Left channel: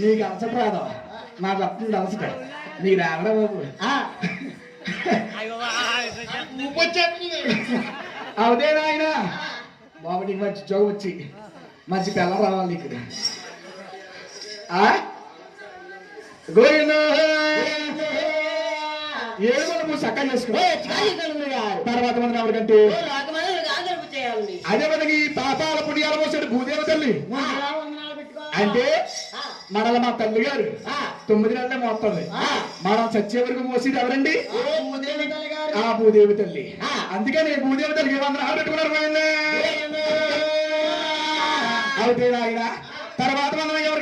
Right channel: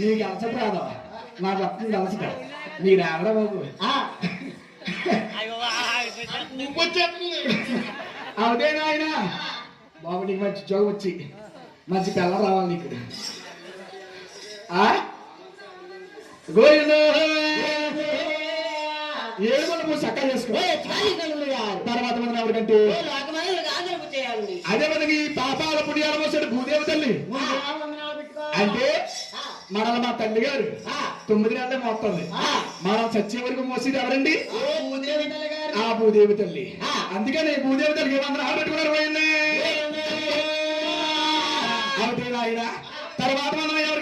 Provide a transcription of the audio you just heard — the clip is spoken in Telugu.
నీకు అలసట రాదు, నాకు వస్తుంది అలసట. మీరు ఆడరా బాబు. అవుదేనా ఆయన బాబు, నీకు మంచి జోగం వచ్చి మంచి పిల్ల రావాలి నీకు. గోవిందా ఏడుగురు నువ్వు చక్కగా చేసుకో. తర్వాత మనం ఎవరికంటే అదే మనకి పాపాల పుణ్యాల మోసాడు భూదేవ తల్లి అంటే మనల్ని మా తల్లి గారు 9 నెలలే మోస్తుంది. మనం చచ్చే వరకు మోసేది ఎవరండి? ఆ భూదేవి తల్లి. అందుకని భూదేవి తల్లికి ఏమన్నా పెట్టుకున్నారు పోయింది. అవుతే ఆయన తర్వాత మనం ఎవరికంటే